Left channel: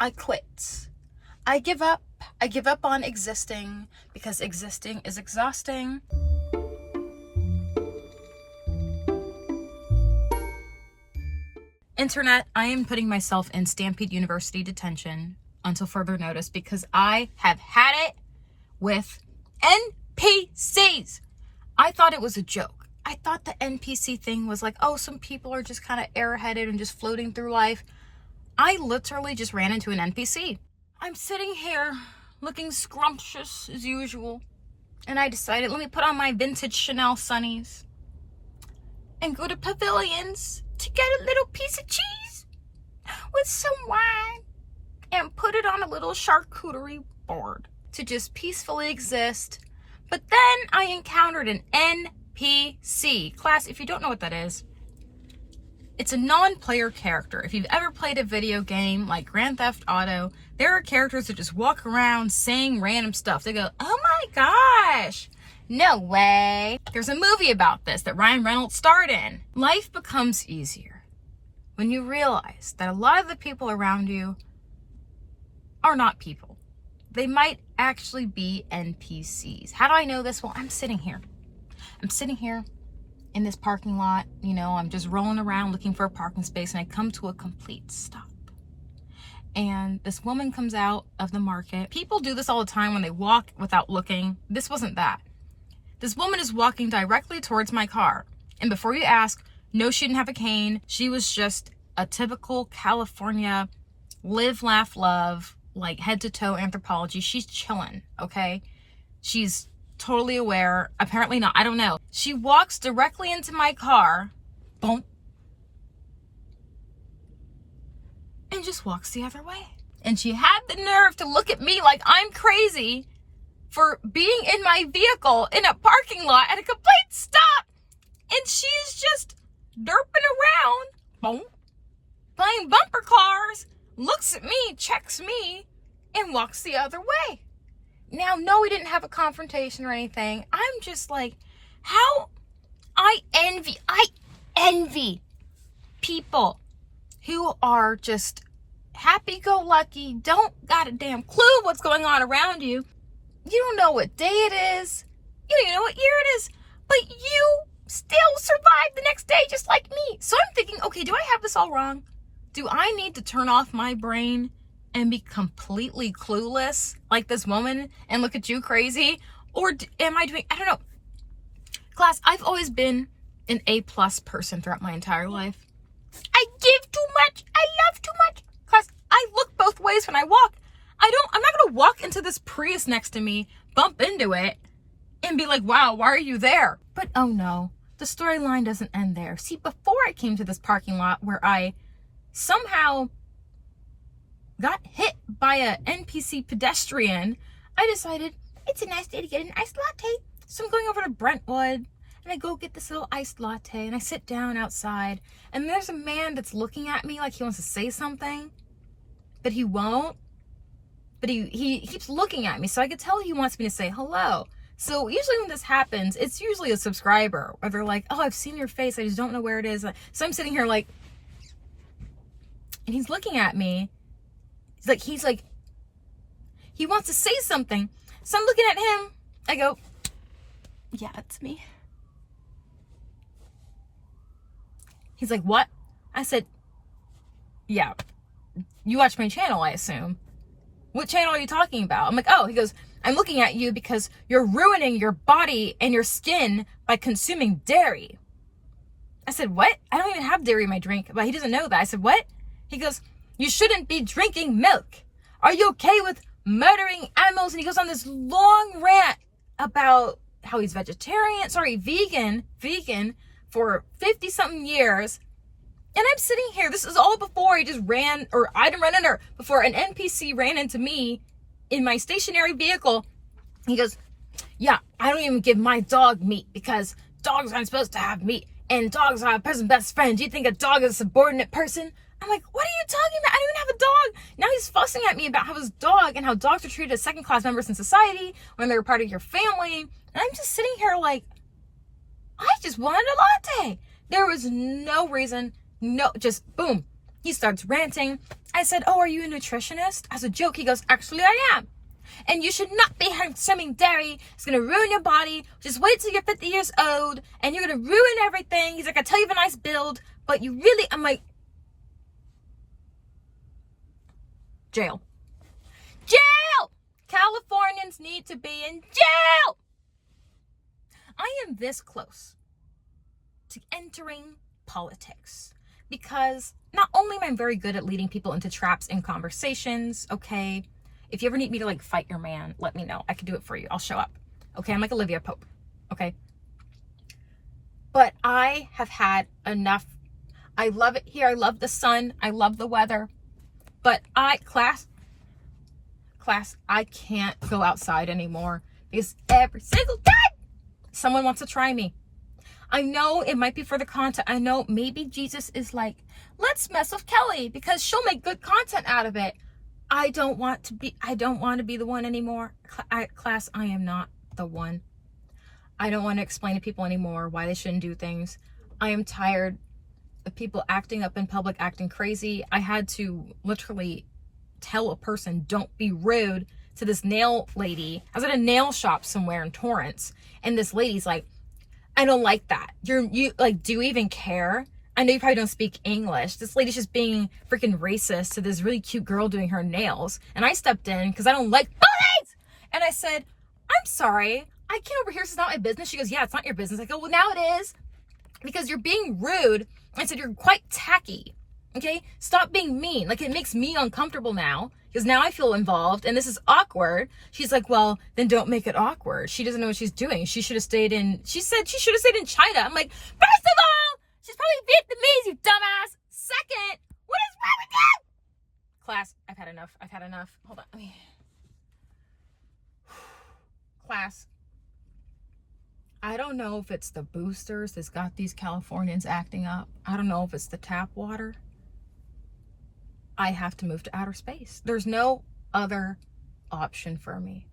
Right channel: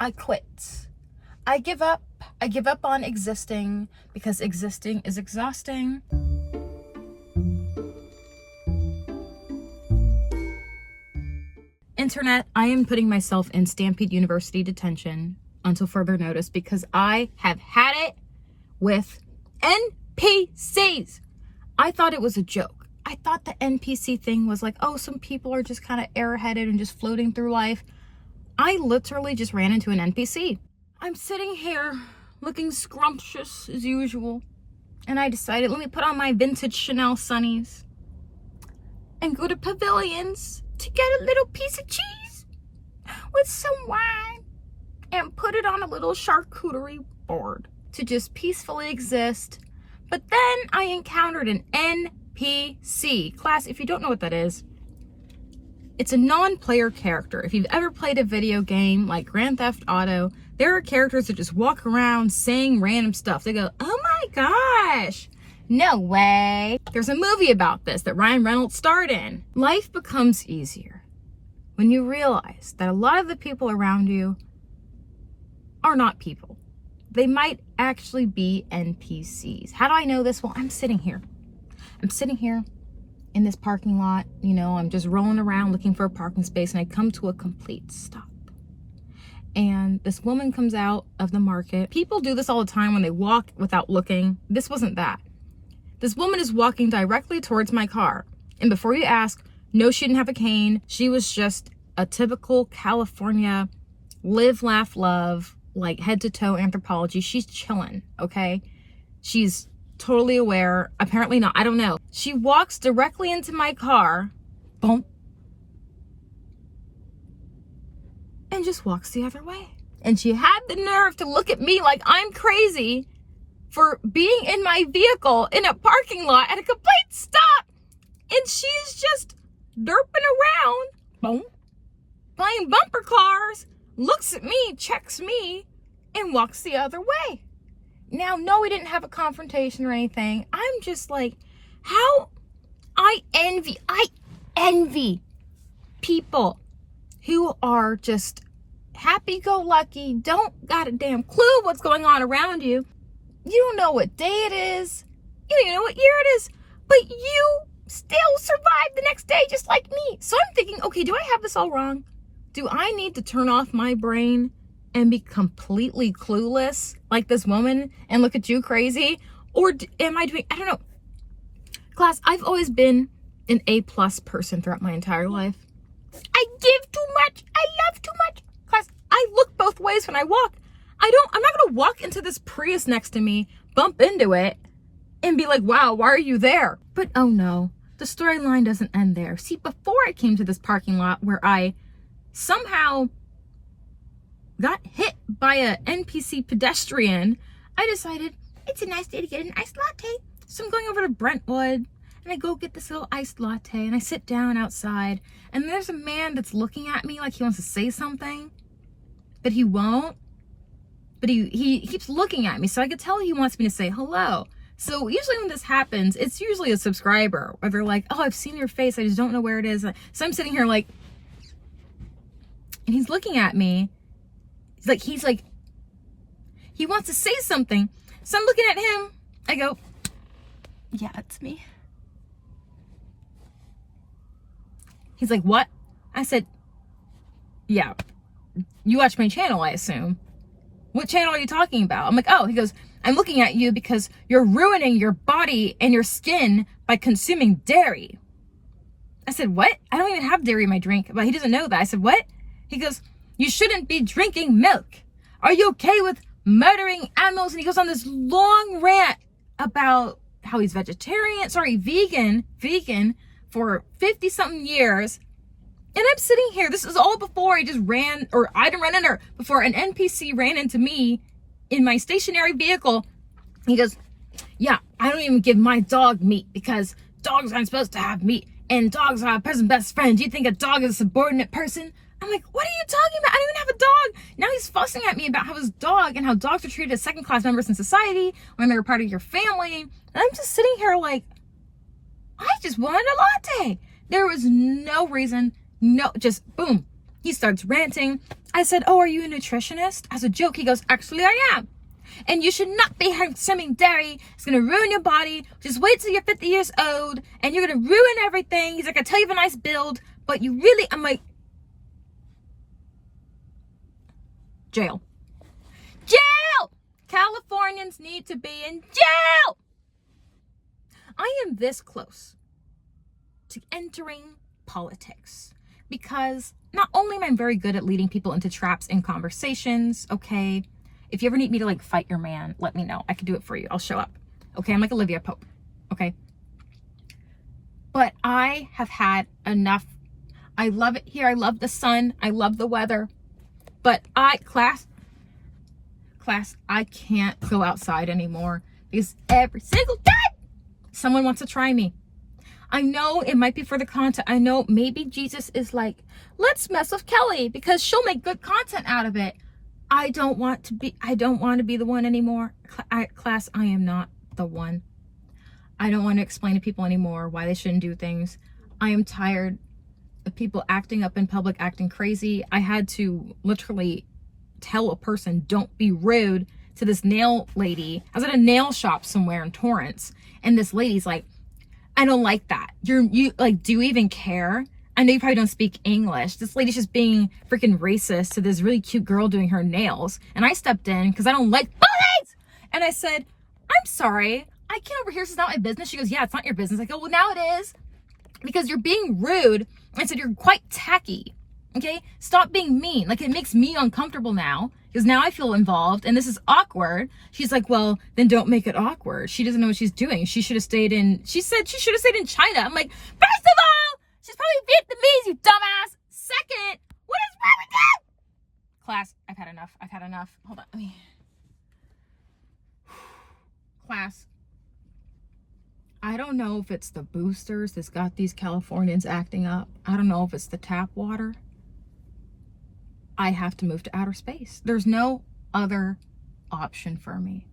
I quit. I give up. I give up on existing because existing is exhausting. Internet, I am putting myself in Stampede University detention until further notice because I have had it with NPCs. I thought it was a joke. I thought the NPC thing was like, oh, some people are just kind of airheaded and just floating through life. I literally just ran into an NPC. I'm sitting here looking scrumptious as usual, and I decided, let me put on my vintage Chanel sunnies and go to Pavilions to get a little piece of cheese with some wine and put it on a little charcuterie board to just peacefully exist. But then I encountered an NPC. Class, if you don't know what that is, it's a non-player character. If you've ever played a video game like Grand Theft Auto, there are characters that just walk around saying random stuff. They go, oh my gosh, no way. There's a movie about this that Ryan Reynolds starred in. Life becomes easier when you realize that a lot of the people around you are not people. They might actually be NPCs. How do I know this? Well, I'm sitting here in this parking lot. You know, I'm just rolling around looking for a parking space, and I come to a complete stop. And this woman comes out of the market. People do this all the time when they walk without looking. This wasn't that. This woman is walking directly towards my car. And before you ask, no, she didn't have a cane. She was just a typical California live, laugh, love, like head to toe anthropology. She's chilling, okay? She's totally aware. Apparently not. I don't know. She walks directly into my car. Boom. And just walks the other way. And she had the nerve to look at me like I'm crazy for being in my vehicle in a parking lot at a complete stop. And she's just derping around, boom, playing bumper cars, looks at me, checks me, and walks the other way. Now, no, we didn't have a confrontation or anything. I'm just like, how I envy people who are just happy-go-lucky, don't got a damn clue what's going on around you. You don't know what day it is. You don't even know what year it is. But you still survive the next day just like me. So I'm thinking, okay, do I have this all wrong? Do I need to turn off my brain and be completely clueless like this woman and look at you crazy? Or am I doing, I don't know. Class, I've always been an A+ person throughout my entire life. I give too much. I love too much. Class, I look both ways when I walk. I'm not going to walk into this Prius next to me, bump into it, and be like, wow, why are you there? But oh no, the storyline doesn't end there. See, before I came to this parking lot where I somehow got hit by a NPC pedestrian, I decided it's a nice day to get an iced latte. So I'm going over to Brentwood, and I go get this little iced latte, and I sit down outside, and there's a man that's looking at me like he wants to say something, but he won't. But he keeps looking at me, so I could tell he wants me to say hello. So usually when this happens, it's usually a subscriber where they're like, oh, I've seen your face, I just don't know where it is. So I'm sitting here like, and he's looking at me. He's like, he wants to say something. So I'm looking at him. I go, yeah, it's me. He's like, what? I said, yeah, you watch my channel, I assume. What channel are you talking about? I'm like, oh, he goes, I'm looking at you because you're ruining your body and your skin by consuming dairy. I said, what? I don't even have dairy in my drink. But he doesn't know that. I said, what? He goes, you shouldn't be drinking milk. Are you okay with murdering animals? And he goes on this long rant about how he's vegan for 50 something years. And I'm sitting here, this is all before I didn't run into her, before an NPC ran into me in my stationary vehicle. He goes, yeah, I don't even give my dog meat because dogs aren't supposed to have meat and dogs are a person's best friend. Do you think a dog is a subordinate person? I'm like, what are you talking about? I don't even have a dog. Now he's fussing at me about how his dog and how dogs are treated as second-class members in society when they're part of your family. And I'm just sitting here like, I just wanted a latte. There was no reason. No, just boom. He starts ranting. I said, oh, are you a nutritionist? As a joke, he goes, actually, I am. And you should not be consuming dairy. It's going to ruin your body. Just wait till you're 50 years old and you're going to ruin everything. He's like, I tell you have a nice build, but you really, I'm like, jail. Jail! Californians need to be in jail. I am this close to entering politics because not only am I very good at leading people into traps in conversations, okay? If you ever need me to like fight your man, let me know. I can do it for you. I'll show up. Okay, I'm like Olivia Pope. Okay. But I have had enough. I love it here. I love the sun. I love the weather. But class, I can't go outside anymore because every single day someone wants to try me. I know it might be for the content. I know maybe Jesus is like, let's mess with Kelly because she'll make good content out of it. I don't want to be the one anymore. Class, I am not the one. I don't want to explain to people anymore why they shouldn't do things. I am tired of people acting up in public, acting crazy. I had to literally tell a person, don't be rude to this nail lady. I was at a nail shop somewhere in Torrance, and this lady's like, I don't like that. You like, do you even care? I know you probably don't speak English. This lady's just being freaking racist to this really cute girl doing her nails. And I stepped in because I don't like bullies. And I said, I'm sorry. I can't over here. This is not my business. She goes, yeah, it's not your business. I go, well, now it is because you're being rude. I said, you're quite tacky. Okay. Stop being mean. Like, it makes me uncomfortable now because now I feel involved and this is awkward. She's like, well, then don't make it awkward. She doesn't know what she's doing. She should have stayed in, she said she should have stayed in China. I'm like, first of all, she's probably Vietnamese, you dumbass. Second, what is wrong with you? Class, I've had enough. I've had enough. Hold on. Class, I don't know if it's the boosters that's got these Californians acting up. I don't know if it's the tap water. I have to move to outer space. There's no other option for me.